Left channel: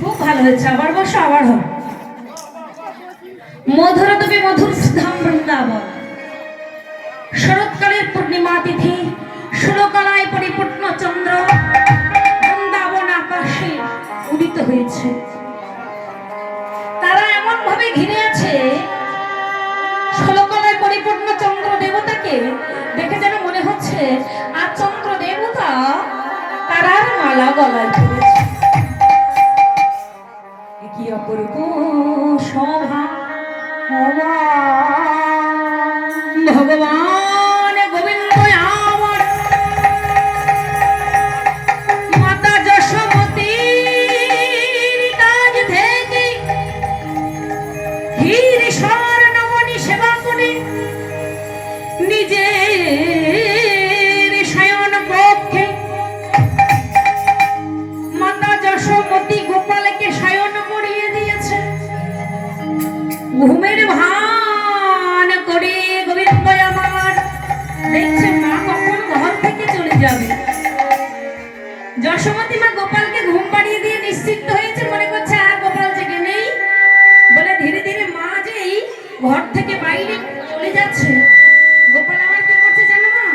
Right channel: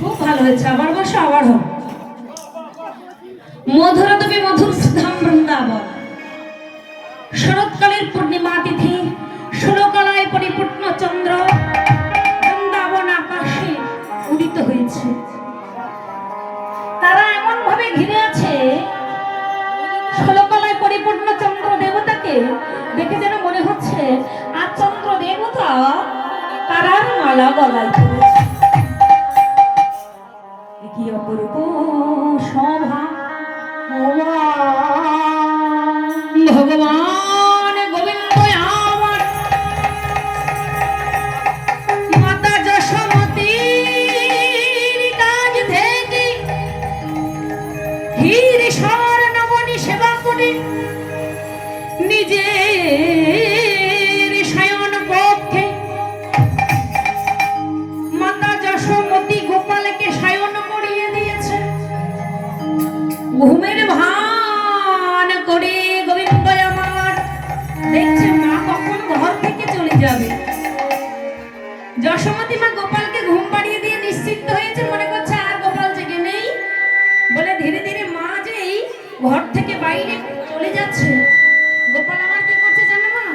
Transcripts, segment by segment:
খুব ভালো হয়েছে, আবার বসো, আবার হোক। মধুর তুমি মধুর সুধাম বৃন্দাবন, শরৎকালের পূর্ণিমা তিথি, ষোলকলায় পরিপূর্ণ চন্দ্র বৃন্দাবন আকাশে উদিত হয়েছে। তারা এমন ভাবে ঘিরে আছে ষোলকলায় পরিপূর্ণ চন্দ্র দেবতাকে দেখে যেন মনে হচ্ছে আর চন্দ্র দেবতা তারার মালা গলায় পড়েছে। কি অপূর্ব শোভা ভগবান গোবিন্দ আমার মাতা যশোমতীর কাজ থেকে হীর স্বর্ণমণি সেবা করে নিজের শয়ন কক্ষে মাতা যশোমতী গোপালকে শয়ন করিয়ে দিয়েছে। ঘুমের ভান করে গোবিন্দ আমার দেখছে মা কখন ঘর থেকে চলে যাবে। যশোমতী মা গোপালকে ঘুম পাড়িয়ে দিয়ে নিশ্চিন্ত হয়েছে, মনে করছে আর গোপাল জেগে নেই বলে ধীরে ধীরে মা যেই ঘর থেকে বাইরে চলে যাচ্ছে, গোপাল আমার কি করছে জানো মা?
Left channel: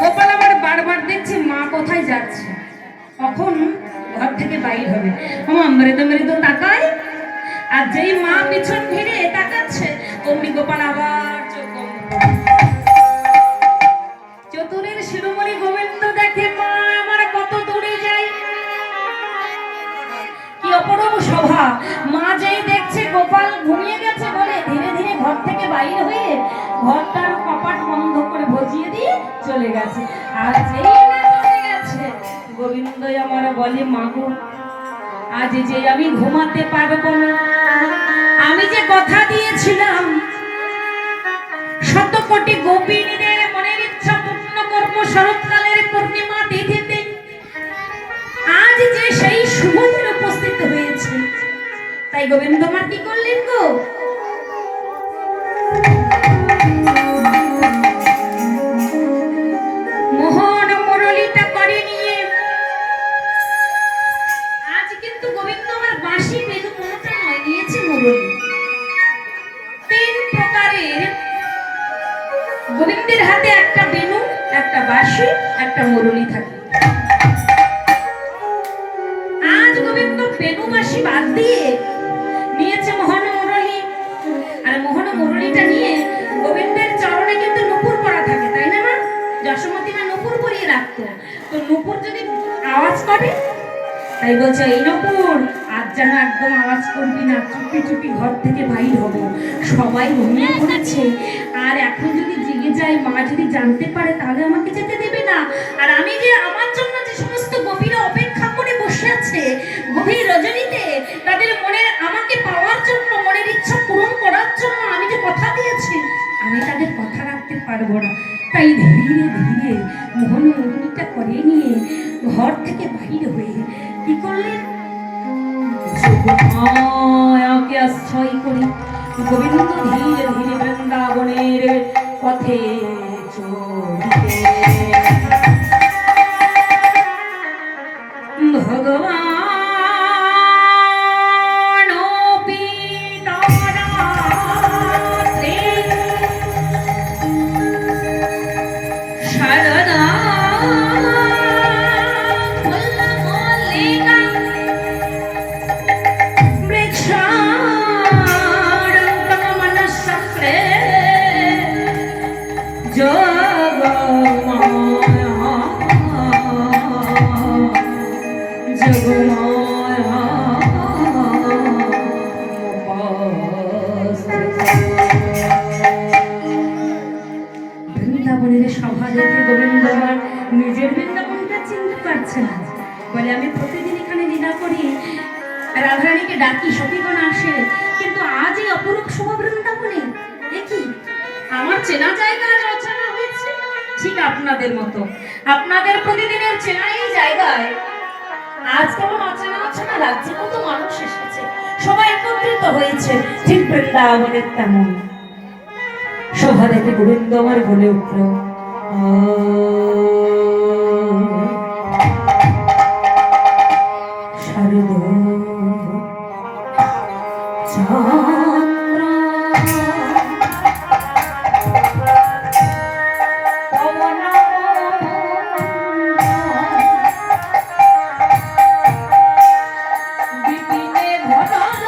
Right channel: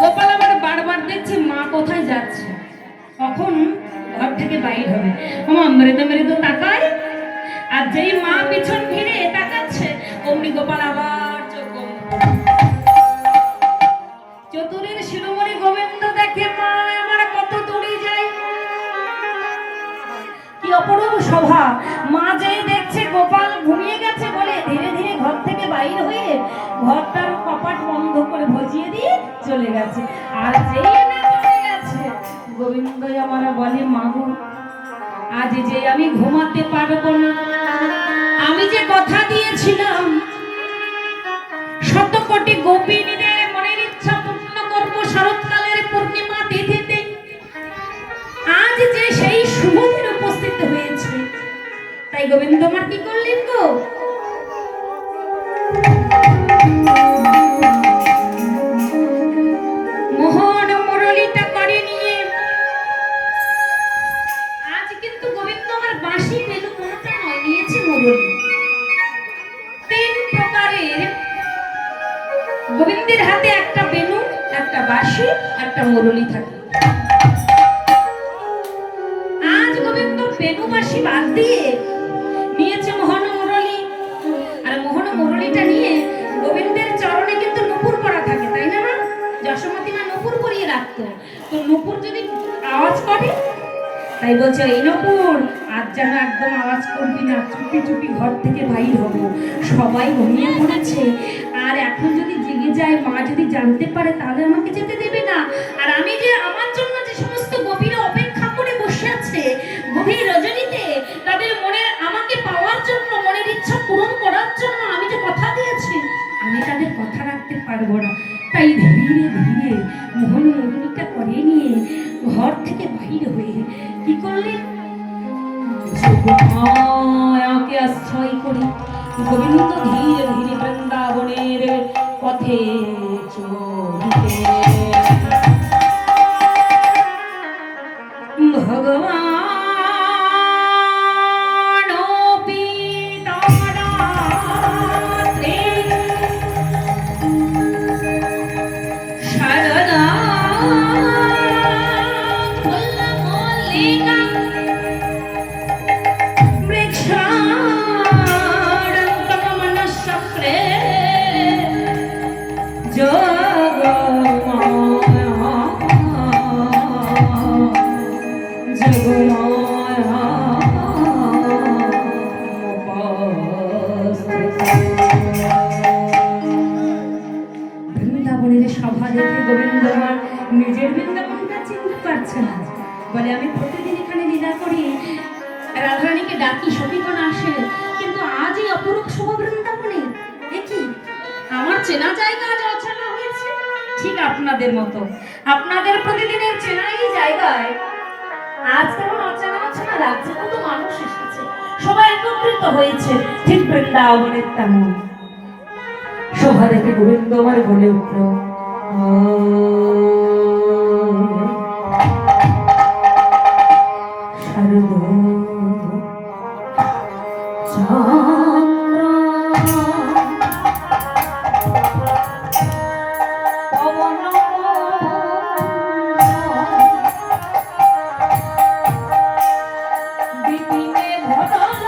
গোপাল আমার বারবার দেখছে মা কোথায় যাচ্ছে, কখন ঘর থেকে বাইরে হবে। আমার মৃদু মৃদু তাকায়, আর যেই মা পিছন ফিরে তাকাচ্ছে অমনি গোপাল আবার চোখ বন্ধ করে। চতুরের শিরোমণি গোবিন্দ দেখে মা আমার কত দূরে যায়, কি অপরূপ শোভা। মা যেই দেখছে গোপাল ঘুমিয়ে গেছে বলে ধীরে ধীরে ঘর থেকে বাইরে হয়ে ঘরটার কপাট বন্ধ করে ভজিয়ে দিয়ে চলে গেছে। আর যেই না চলে গেছে গোবিন্দ আমার বলে মাগো আজ যে আমি ঘুমাতে পারবো না, আমি যে কথা দিয়েছিলাম শত কোটি গোপিনীদের মনের ইচ্ছা পূর্ণ করবো শরৎকালের পূর্ণিমা তিথিতে, আজ যে সেই শুভ দিন উপস্থিত হয়েছে, তাই গোবিন্দ আমার কি করলেন গো? মোহন মুরলীটা করে নিয়ে আজ কিন্তু গোবিন্দ আমার বাঁশি বেলু কোনটা নয়, নিয়েছে মুরলী। তিন প্রকারের গোবিন্দের হাতে একটা বেনু, একটা বাঁশি, একটা মুরলী থাকে। আজ গোবিন্দ বেনু বাঁশি বাদ দিয়ে নিয়েছে মোহন মুরলী। আর মোহন মুরলীটা নিয়ে গোবিন্দের চরণে কিন্তু নুপুর পরা থাকে, তাই না মা? যশোমতী মা নুপুর পরিয়ে রাখতো, তো নুপুর যদি আওয়াজ করে তাই বলছে এই নুপুর আজ যেন একদম আওয়াজ করবি না, চুপি চুপি ঘর থেকে বাইর হবো, সবাই ঘুমিয়ে পড়েছে, আর এখন যদি জেগে যায় মা যদি জানতে পারে তাহলে আমাকে যেতে দেবে না। আর আমি যে আমার জন্য যে সমস্ত গোপীরা অপেক্ষা করে বসে আছে গভীর রজনীতে, তাদের মনে আমাকে পাওয়ার জন্য, মনের ইচ্ছা পূরণ করার জন্য আমি যে কথা দিয়েছি আমি তাদের কথা রাখতে পারবো না। তাই ধীরে ধীরে মোহন মুরলীটা করে নিয়ে ঘর থেকে বাইরে হয়ে কি করলেন, আমাকে আশ্রয় করে গোবিন্দ ধীরে ধীরে বৃন্দাবনের পথে চলিতে। ভগবান শারদা ডাকি সখীগণ আসে, কিন্তু আজ এই অপরূপ শুভ বৃন্দাবনে দেখি আমার চেনা জায়গা আজ অচেনা হয়েছে। ঠিক আপনাদের মতো, আপনাদের প্রতিদিনের চেনা এই জায়গায় আজ কেমন অচেনা অচেনা লাগছে। কত মানুষ এসেছে, সবাই একত্রিত হয়েছে, ঠিক বৃন্দাবনের তেমন। সভা দেখে গোবিন্দ আমার বলে উঠল, শারদ চন্দ্র পবন বিপিনে ভটল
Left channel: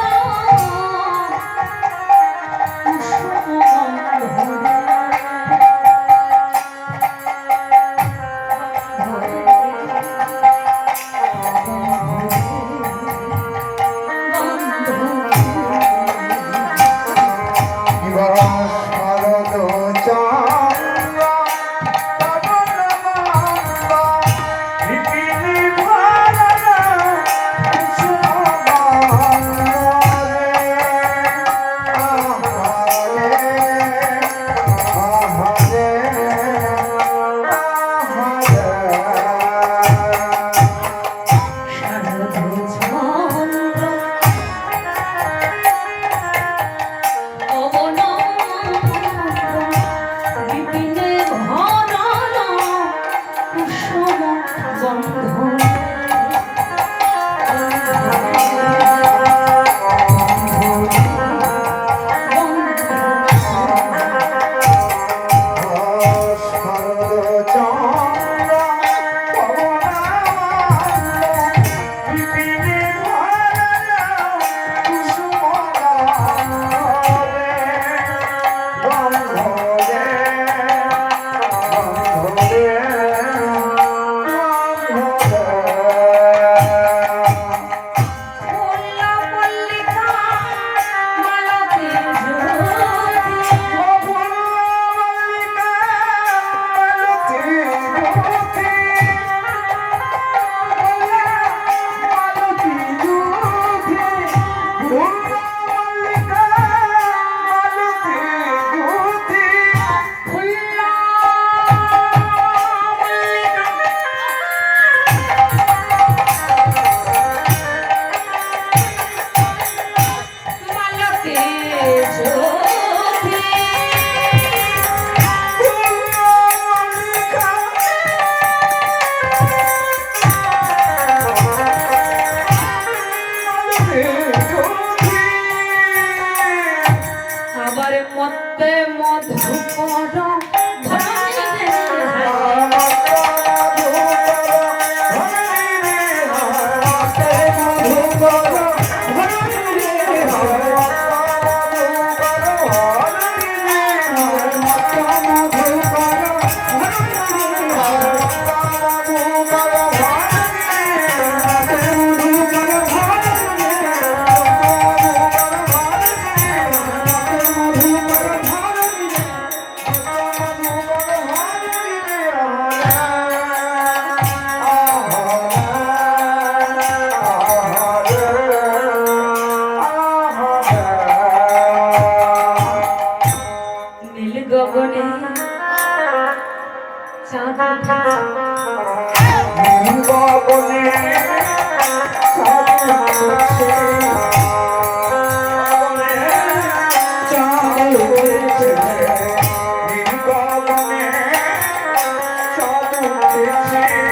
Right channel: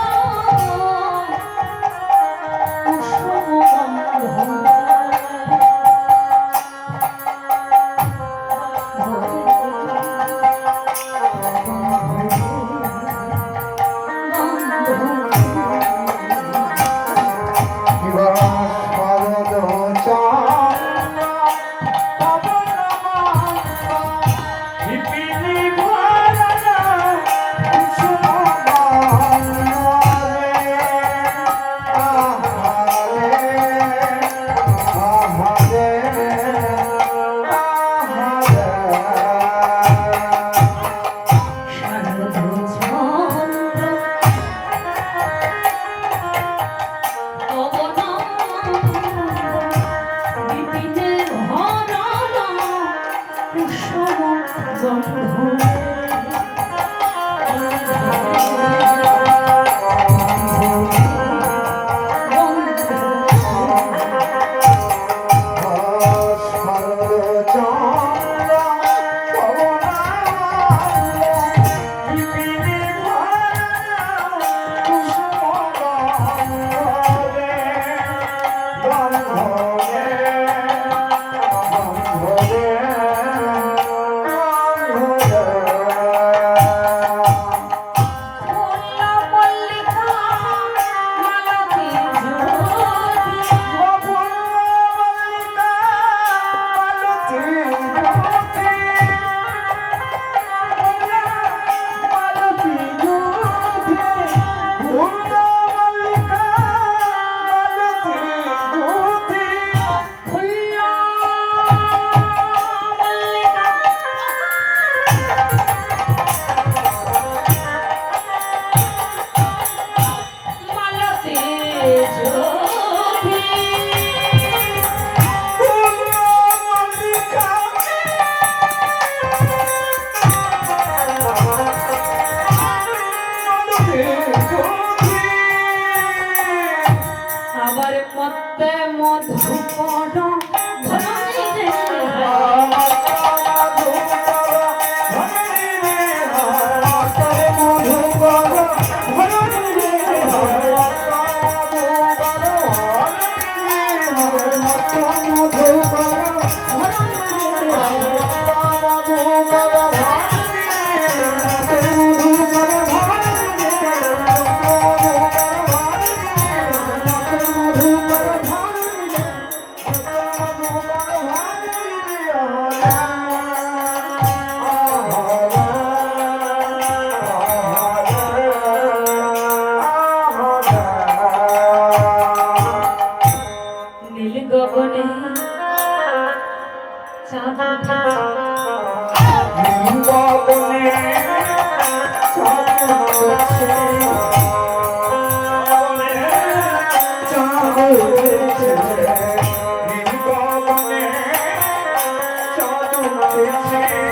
Thank you.